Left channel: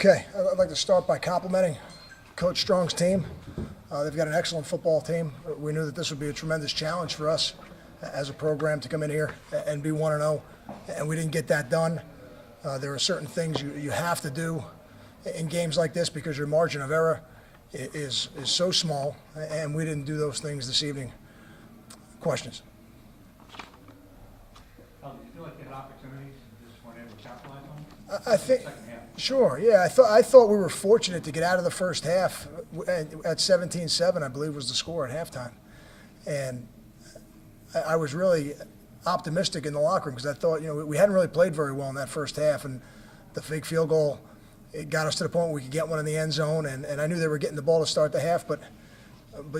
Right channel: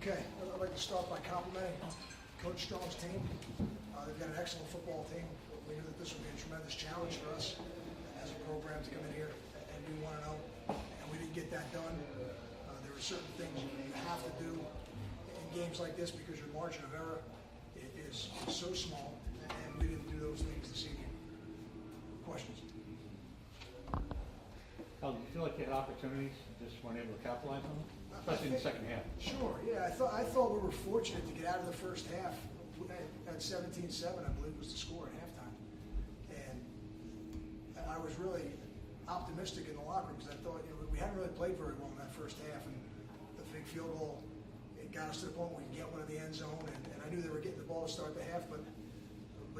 Okay, I'd like to start by complimenting Coach Strong's team. They've got an excellent football team. We knew that this would be a tremendous challenge for us as a program to come in here and be 1-0, and we didn't get that done. There are certain things you have to do in games like this because your margin of error is so small, and we didn't do those things this evening. Questions? Did you feel like you had opportunities and just weren't able to capitalize on them? I think, the second half. sure, yeah. I thought we were fortunate to get out of the first half at 17-7, I believe was the score at halftime. And I was really optimistic in the locker room because I thought, we hadn't really played very well in that first half, and the fake field goal, it got us to the point where we could get one in the end zone, and I knew they were getting the ball to start the half, but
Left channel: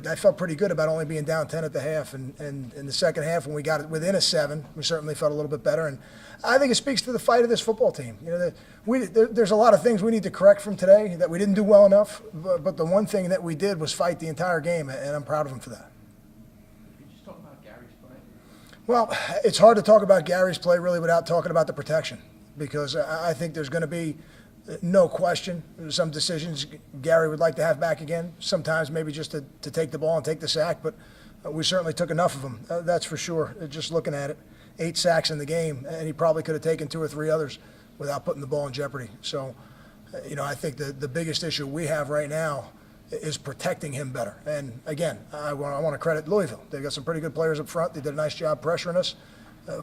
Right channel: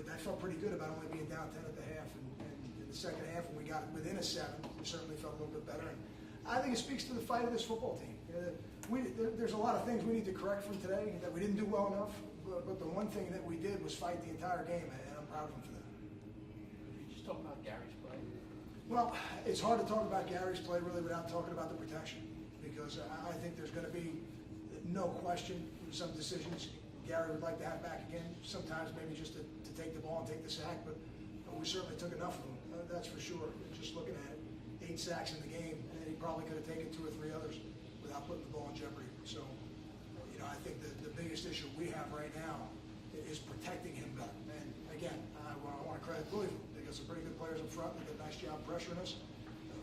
I felt pretty good about only being down 10 at the half. And in the second half, when we got it within a 7, we certainly felt a little bit better. And I think it speaks to the fight of this football team. There's a lot of things we need to correct from today that we didn't do well enough, but the one thing that we did was fight the entire game, and I'm proud of them for that. Could you just talk about Gary's play? Well, it's hard to talk about Gary's play really without talking about the protection, because I think there's going to be no question some decisions Gary would like to have back again, sometimes maybe just to take the ball and take the sack, but we certainly took enough of them, that's for sure. Just looking at it, 8 sacks in the game, and he probably could have taken 2 or 3 others without putting the ball in jeopardy. So, I think the biggest issue we have right now is protecting him better. And again, I want to credit Louisville. They've got some pretty good players up front. They did a nice job pressuring us,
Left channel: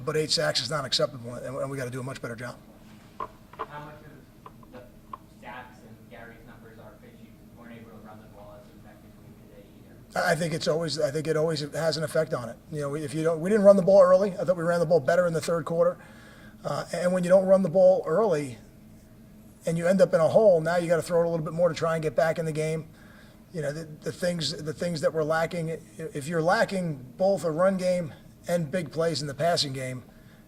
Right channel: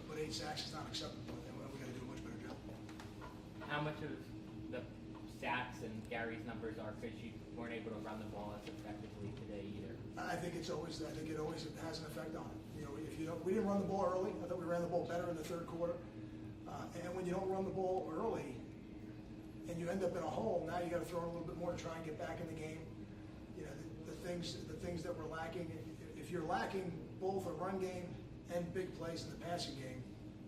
but 8 sacks is not acceptable, and we got to do a much better job. How much of the stats and Gary's numbers are because you weren't able to run the ball as effectively today either? I think it always has an effect on it. We didn't run the ball early. I thought we ran the ball better in the third quarter. And when you don't run the ball early and you end up in a hole, now you got to throw it a little bit more to try and get back in the game. The things that we're lacking, if you're lacking both a run game and big plays in the passing game,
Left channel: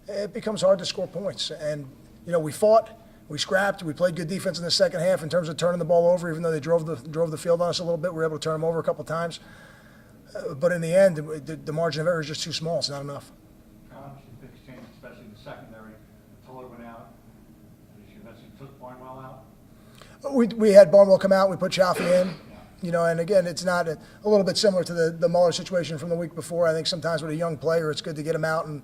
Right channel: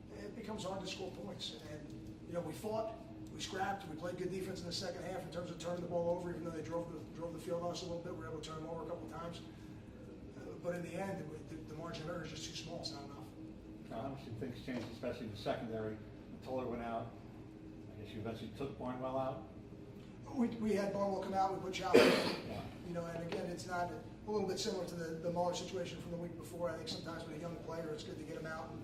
it becomes hard to score points. And, we fought, we scrapped, we played good defense in the second half in terms of turning the ball over, even though they drove the field on us a little bit. We were able to turn them over a couple of times. But in the end, the margin of error is just too small. It's not enough. Obviously, things changed, especially in the secondary. Toller went out. I guess you eventually took Barnwell out. We had Barnwell come out. We put Chaffee in. Yeah. And again, it's not a little bit similar to the Muller situation from the week before. I think sometimes with a young player, it's good to get him out and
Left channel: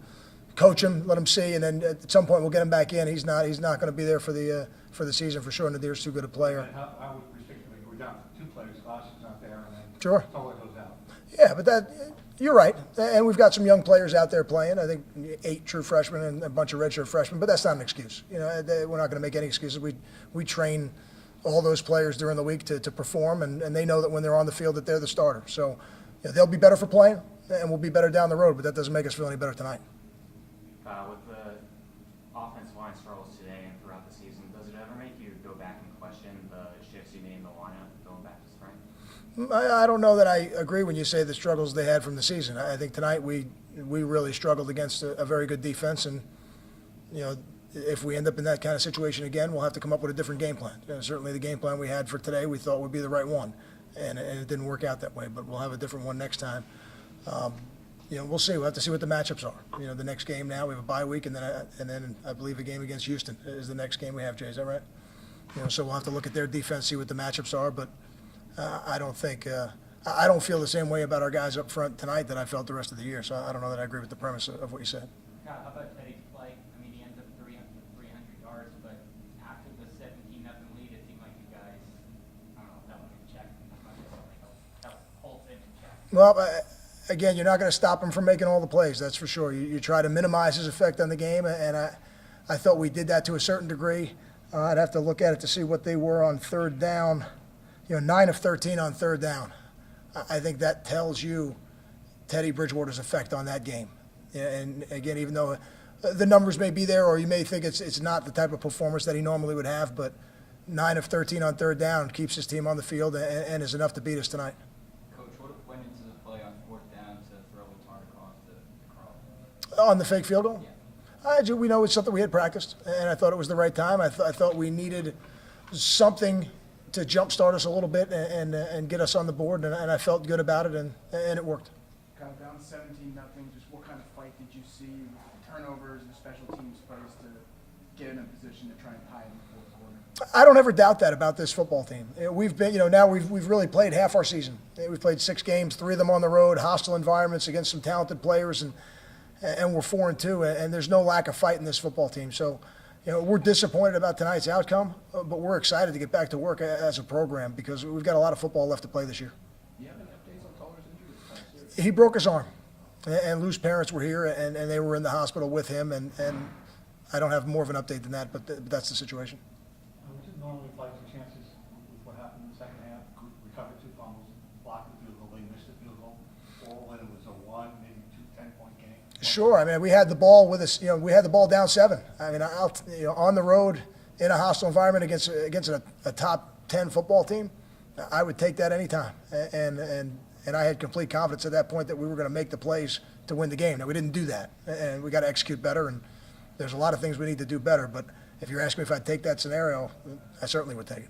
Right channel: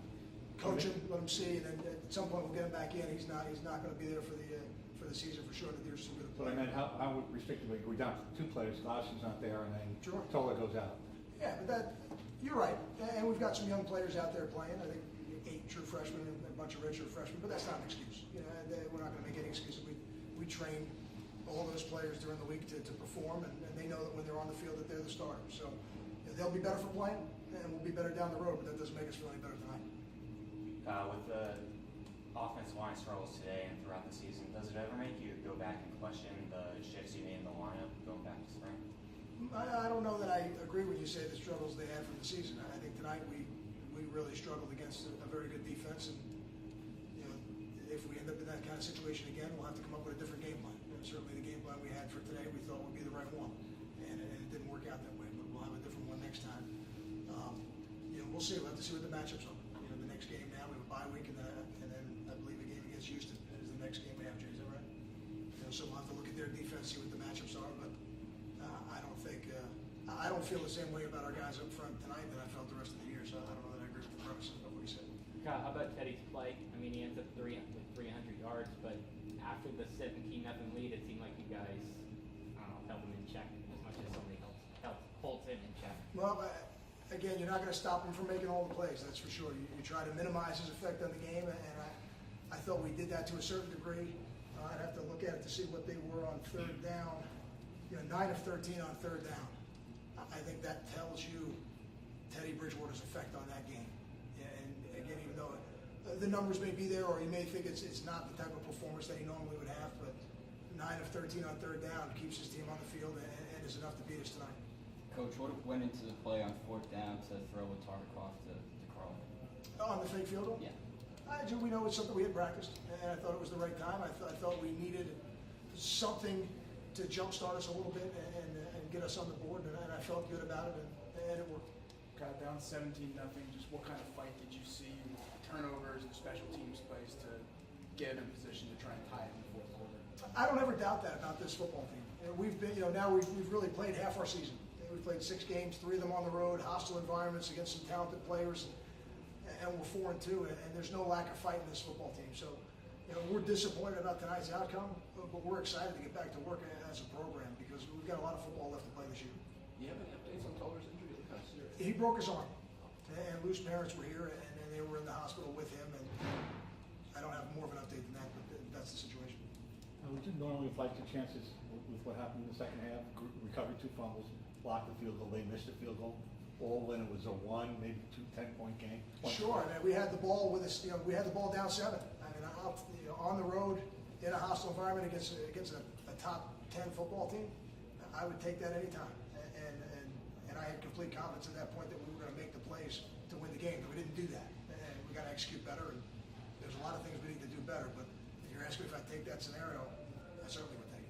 coach him, let him see, and then at some point we'll get him back in. He's not going to be there for the season for sure. Nadir's too good a player. How restricted we're down to 2 players. Glasser's not there, and then Sure. Toller goes out. Yeah, but you're right. And we've got some young players out there playing. I think 8 true freshmen and a bunch of redshirt freshmen, but that's not an excuse. We're not going to make any excuses. We train all those players during the week to perform, and they know that when they're on the field that they're the starter. So they'll be better for playing, and we'll be better down the road, but that doesn't make us feel any better tonight. With the offensive line struggles today and throughout the season, does it ever make you go back and question the shifts you made in the lineup going back to spring? I don't know that I agree when you say the struggles they had from the season. I think tonight we really struggled against a very good defense, and if we end up in that kind of situation again, we'll have to come up with a different game plan. Certainly the game plan we had for today we thought would be the right one, and it didn't work out that way, but we'll have a different one next time. We'll see. We'll have to see what the matchups are. The next game now we have a bye week, and then I believe a game against Houston is the next game we have. Jay, is that right? So we'll have to look at their defense, see what the matchups are. But I don't feel the same way about our guys up front tonight that I felt the rest of the year. So I don't know that I agree with the premise of what you said. Kyle, how about Teddy's play? I mean, he ends up 300 yards, but after the 17-0 lead, it seemed like you guys, held him in check as much as somebody helped Holton in check. Well, again, you're not going to stop him from making all the plays, that's for sure. You try to minimize his effect on the game, and I thought we did that to a certain degree. I'd have to look at it to see what they were on third down. 9 of 13 on third down. I think that tells you Teddy Bridgewater's effect on that game. And again, even though the numbers may be there, or you may think it's not the type of performance that he normally would have, but 9 of 13 on third down keeps his team on the field and is enough to beat us tonight. Coach, what went into the play on 4th down to throw a target across to Carl? On the fake field goal? Yeah. We know it's something we had practiced, and I thought it was the right time. I thought we needed something to jumpstart us a little bit and get us on the board, and I felt good about it, and it worked. Kind of down 17-0, just what kind of fight did you see, turnovers and special teams plays to get in a position to try and tie it in the fourth quarter? I don't ever doubt that about this football team. We've been, now we've really played half our season. We've played 6 games, 3 of them on the road, hostile environments against some talented players, and we're 4-2, and there's no lack of fight in this football team. So, we're disappointed about tonight's outcome, but we're excited to get back to work as a program because we've got a lot of football left to play this year. Do you have any updates on Tuller's injury? He broke his arm, and Lou's parents were here, and they were in the hospital with him, and I don't have more of an update than that, but that's the situation. Would you normally have liked the chances with what happened in the second half, recovered 2 fumbles, blocked the field goal, they missed the field goal, all in it was a 1, maybe 2, 10-point game? Sure. I mean, we had the ball with us. We had the ball down 7. I mean, on the road in a hostile environment against a top 10 football team, I would take that anytime. And I had complete confidence at that point that we were going to make the plays to win the game. Now we didn't do that, and we got to execute better. And there's a lot of things we need to do better. But if you're asking me if I'd take that scenario, I certainly would take it.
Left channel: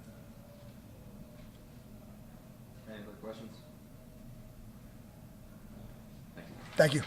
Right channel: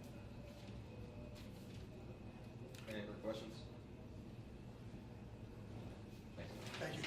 Any other questions? Thank you.